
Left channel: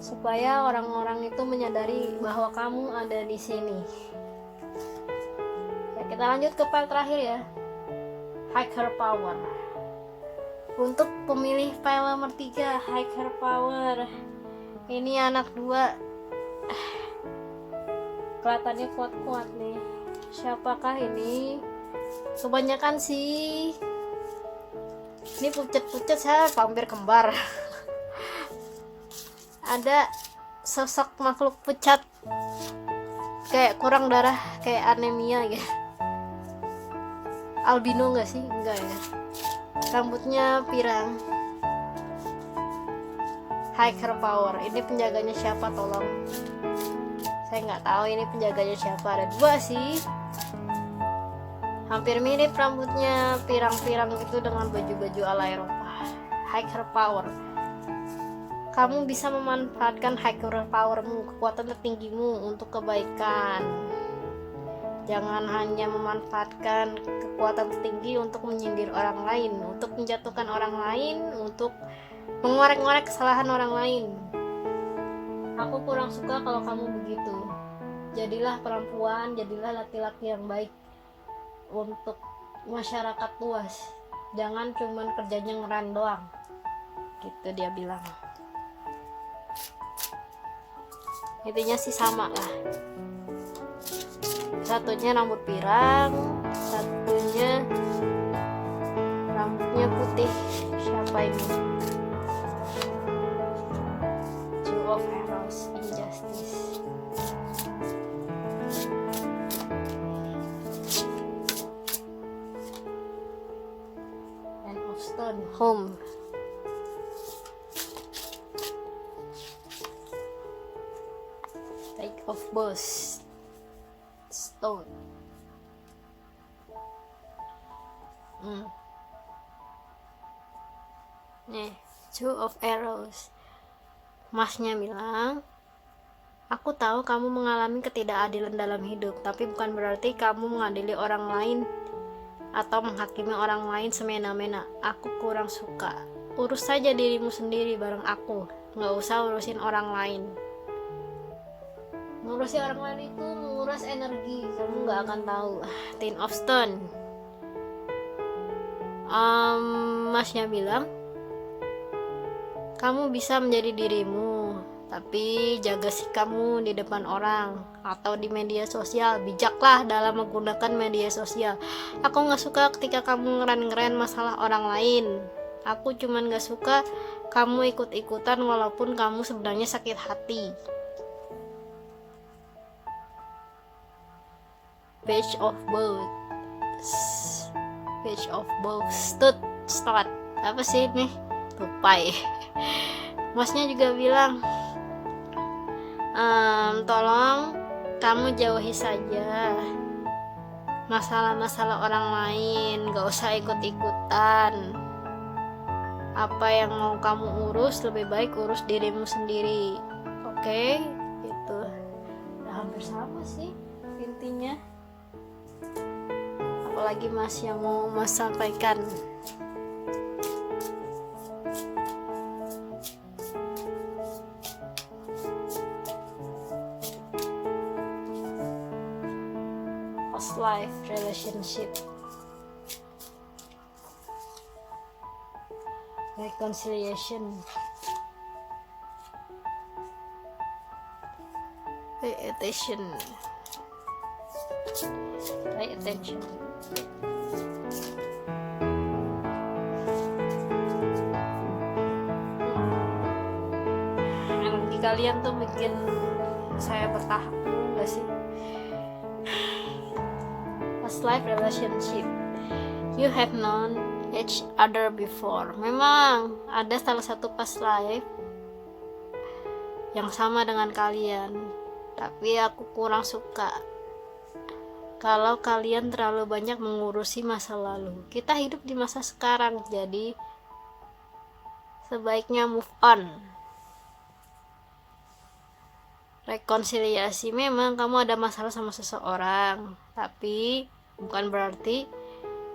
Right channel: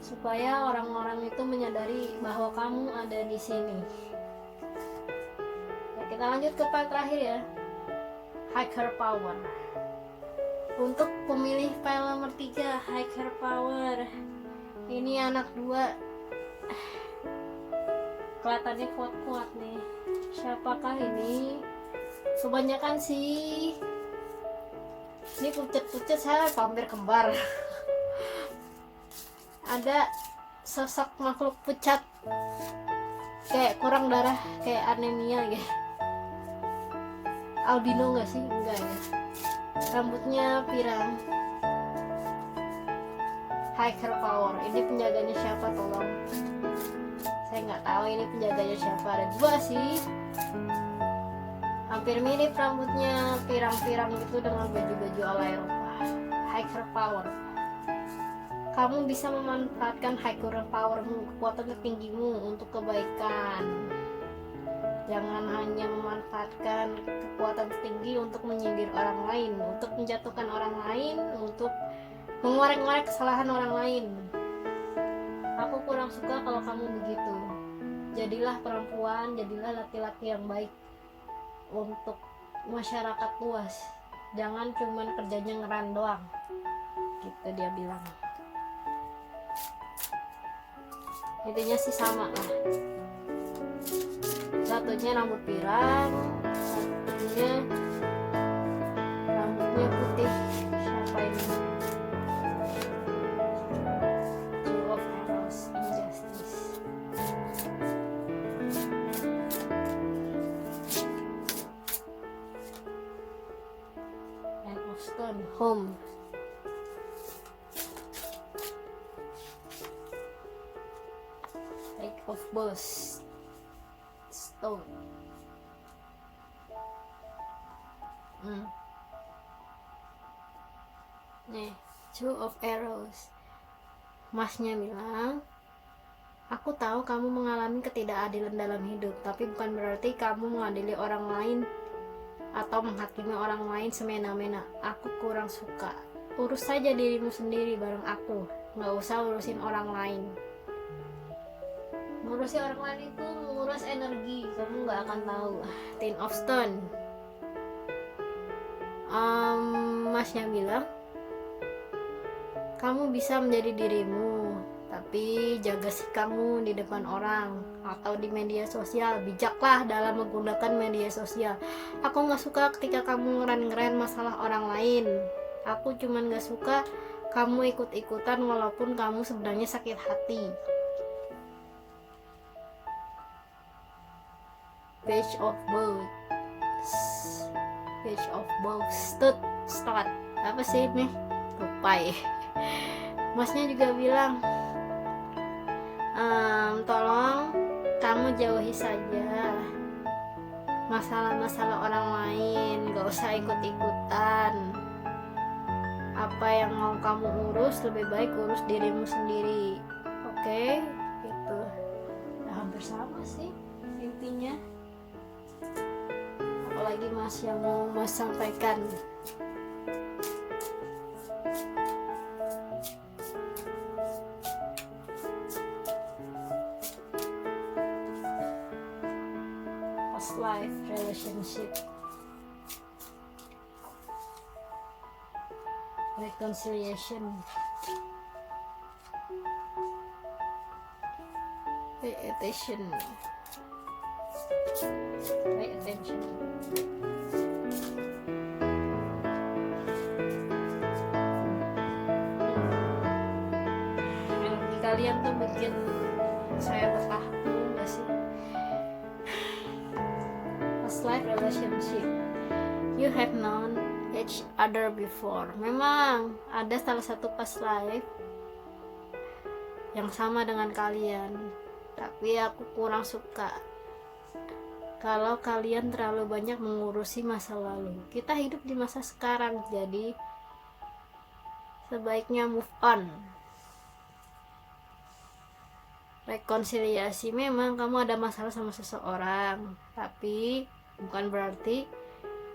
supaya orang-orang itu menyadari bahwa kamu ada di sini. Ya, kita lanjut ke file terakhir ya, Higher Power. Untuk pemilih file nomor 3, Higher Power, ini anak 2, kelihatannya kuat-kuat nih. Siapakah ini? Kebanyakan sih ini pucet-pucet, saya hampir kembar. Ada sosok makhluk pucat, kayak kurang darah, kayak anemia gitu. Albino nggak sih? Enggak ya. Rambutnya pirang. Higher Power, ini penjaganya siapa tolong? Saya nggak tahu ini penjaganya siapa. Ada 2 sih, hampir mirip rambutnya, pirang-pirang gitu dengan baju-baju ala Eropa. Higher Power, kamu bisa memanfaatkan higher powermu, kekuatan tertinggimu untuk kebaikan. Jangan hanya memanfaatkan kekuatan tertinggi untuk menyindir orang lain, untuk menjatuhkan orang lain, untuk mengorek-ngorek kesalahan orang lain. Aku kurang suka kalau kamu begitu. Jadilah perempuan, jadilah laki-laki yang baik untuk masyarakat luas. Jangan cuman kerjanya ngeran doang. Gitu dia bilang. Intinya sih sama lah. Satunya rambut pirang, satunya rambutnya putih. Siapa apa ini? Two of Arrows, Injustice. Ten of Stone, Home. Take of Boss, Stone. Nih, Two of Arrows. Masnya bilang, aku tahu kamu mengalami ketidakadilan dalam hidup, tapi bukan berarti kamu mengadili orang lain atau menghakimi orang lain semena-mena. Aku kurang suka. Urus saja dirimu sendiri bareng aku, nggak usah urusin orang lain. Ngurusin orang lain itu menguras energi, kamu nggak akan tahu. Ten of Stone. Masnya bilang, kamu bisa menjadi dirimu, tapi jaga sikapmu di depan orang atau di media sosial. Bijaklah dalam menggunakan media sosial. Aku gak suka ketika kamu ngeren-ngeren masalah orang lain. Aku cuman gak suka kamu ikut-ikutan walaupun kamu sebenarnya sakit hati. Page of Boats. Page of Boats. Start. Apa sih ini? Tupai. Masnya juga bilang, tolong kamu jauhi saja masalah-masalah orang lain, gak usah ikut-ikutan. Apa yang mau kamu urus, lebih baik urus dirimu sendiri. Oke, gitu. Ya, hampir sama sih intinya. Apalagi Mas yang mau Mas sampaikan? Past life relationship, reconciliation. Pay attention. Pay attention. Energi kalian tuh bikin saya bertahap, enggak sih? Past life relationship. You have known each other before. Memang ada salah satu past life yang sama dengan kalian, tapi aku kurang suka kalau kalian terlalu banyak mengurusi masa lalu. Kita hidup di masa sekarang, jadi sebaiknya move on. Rekonsiliasi, memang kamu ada masalah sama seseorang, tapi bukan berarti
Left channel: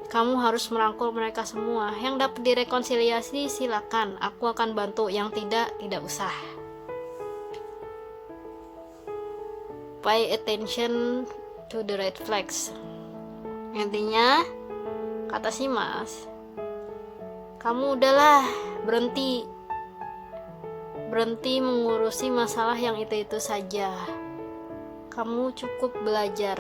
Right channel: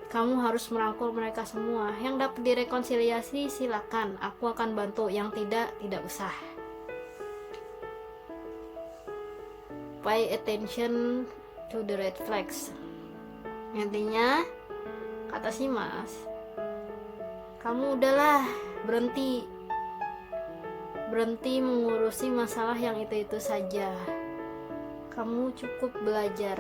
kamu harus merangkul mereka semua. Yang dapat direkonsiliasi silakan, aku akan bantu. Yang tidak usah. Pay attention to the red flags. Intinya, kata si Mas, kamu udahlah berhenti mengurusi masalah yang itu saja. Kamu cukup belajar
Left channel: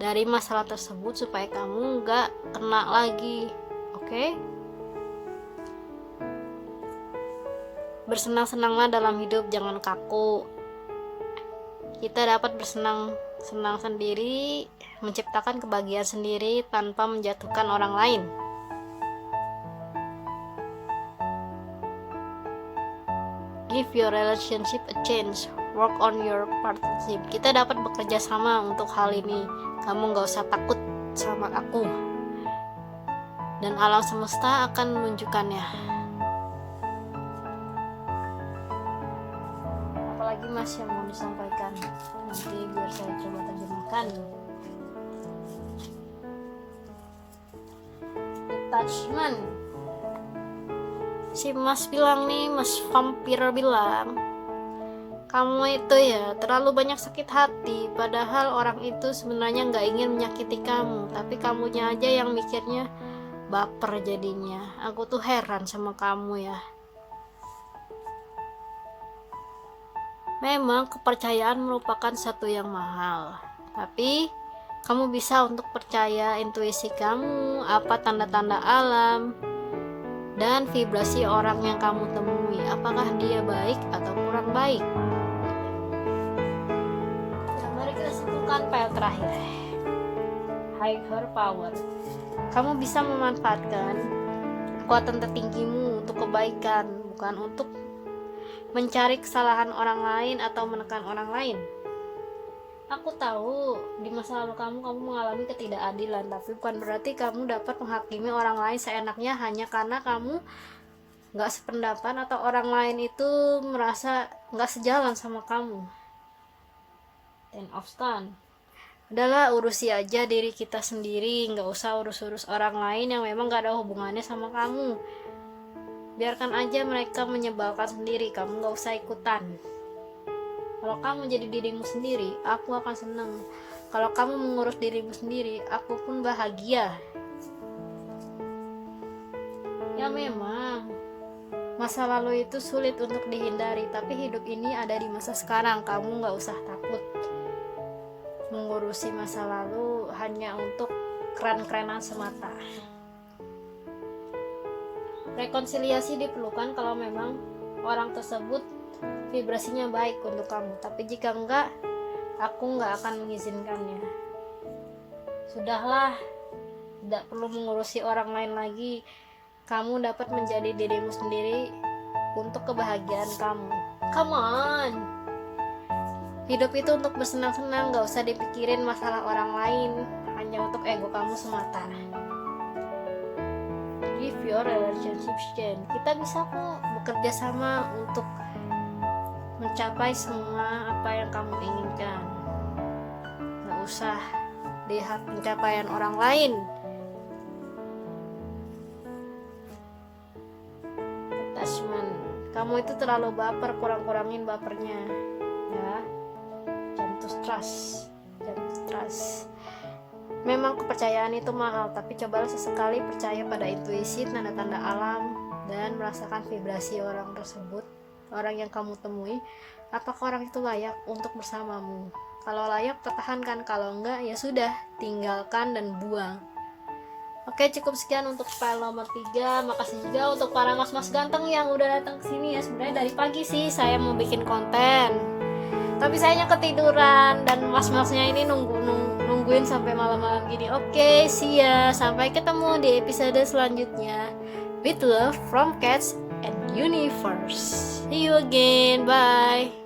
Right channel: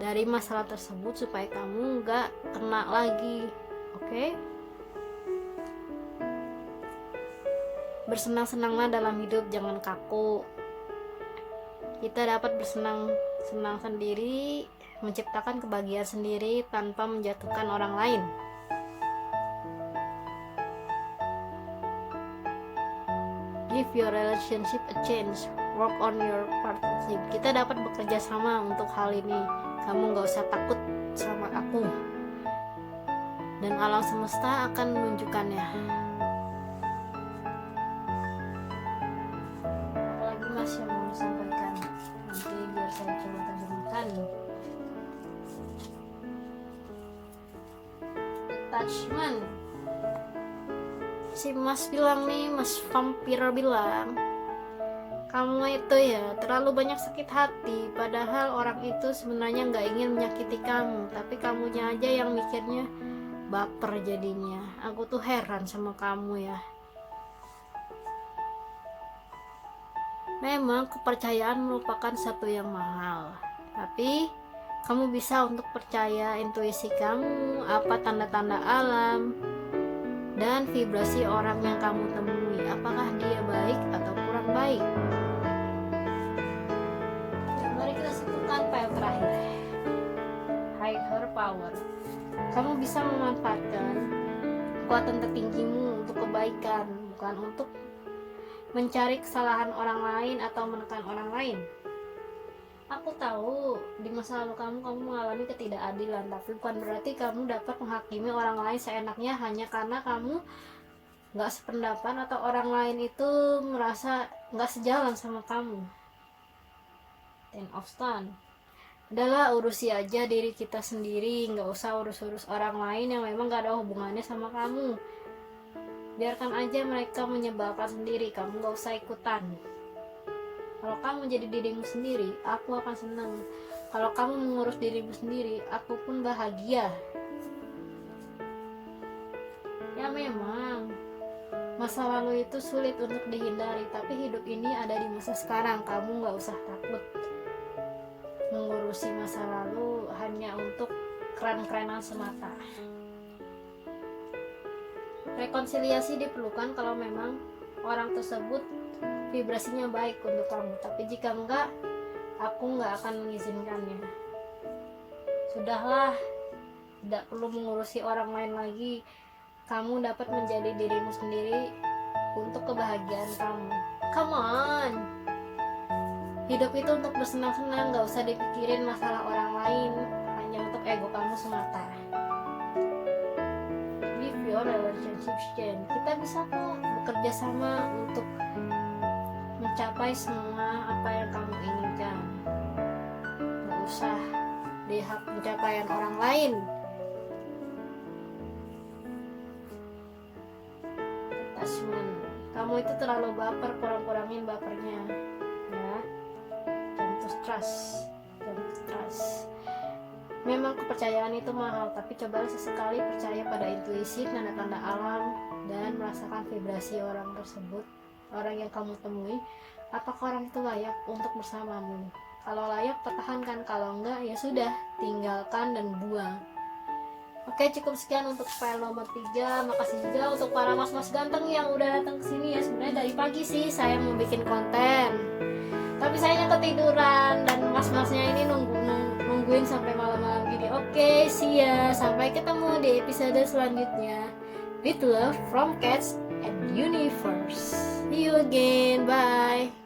dari masalah tersebut supaya kamu gak kena lagi. Oke? Bersenang-senanglah dalam hidup, jangan kaku. Kita dapat bersenang-senang sendiri, menciptakan kebahagiaan sendiri tanpa menjatuhkan orang lain. Give your relationship a chance. Work on your partnership. Kita dapat bekerja sama untuk hal ini. Kamu gak usah takut sama aku, dan alam semesta akan menunjukkannya. Apalagi Mas yang mau disampaikan? Nanti biar saya coba terjemahkan. Attachment. Si Mas bilang nih, Mas vampir bilang, kamu itu ya terlalu banyak sakit hati, padahal orang itu sebenarnya gak ingin menyakiti kamu, tapi kamunya aja yang mikirnya baper jadinya. Aku tuh heran sama kamu ya. Memang kepercayaan merupakan satu yang mahal, tapi kamu bisa untuk percaya intuisi kamu, apa tanda-tanda alam, dan vibrasi orang yang kamu temui, apakah dia baik atau kurang baik. Mari kita simpulkan file terakhir. Higher power. Kamu bisa memanfaatkan kekuatan tertinggimu untuk kebaikan, bukan untuk mencari kesalahan orang lain atau menekan orang lain. Aku tahu di masa lalu kamu mengalami ketidakadilan, tapi bukan berarti kamu dapat menghakimi orang lain seenaknya hanya karena kamu gak sependapat atau orang lain itu merasa gak sejalan sama kamu. Ten of Stand. Udahlah, urusi aja diri kita sendiri, gak usah urus-urus orang lain yang memang gak ada hubungannya sama kamu. Biarkan aja mereka menyebalkan sendiri, kamu gak usah ikutan. Kalau kamu jadi dirimu sendiri, aku akan senang. Kalau kamu mengurus dirimu sendiri, aku pun bahagia. Ya memang, masa lalu itu sulit untuk dihindari, tapi hidup ini ada di masa sekarang. Kamu gak usah takut mengurusi masa lalu hanya untuk keren-kerenan semata. Rekonsiliasi diperlukan kalau memang orang tersebut vibrasinya baik untuk kamu, tapi jika enggak, aku enggak akan mengizinkannya. Sudahlah, tidak perlu mengurusi orang lain lagi. Kamu dapat menjadi dirimu sendiri untuk kebahagiaan kamu. Come on, hidup itu untuk bersenang-senang, gak usah dipikirin masalah orang lain, hanya untuk ego kamu semata. Give your relationship change. Kita bisa kok bekerja sama untuk mencapai semua apa yang kamu inginkan. Gak usah lihat pencapaian orang lain. Attachment. Kamu itu terlalu baper, kurang-kurangin bapernya. Ya. Jangan trust. Memang kepercayaan itu mahal, tapi cobalah sesekali percaya pada intuisi, tanda-tanda alam, dan merasakan vibrasi orang tersebut, orang yang kamu temui. Apakah orang itu layak untuk bersamamu? Kalau layak, pertahankan. Kalau enggak, ya sudah, tinggalkan dan buang. Oke, cukup sekian untuk file nomor 3. Makasih juga untuk para mas-mas ganteng yang udah datang ke sini ya. Sebenarnya dari pagi sih saya mau bikin konten, tapi sayangnya ketiduran dan mas-masnya ini nungguin sampai malam-malam gini. Oke, see ya. Sampai ketemu di episode selanjutnya. With love from Cats and Universe. See you again. Bye.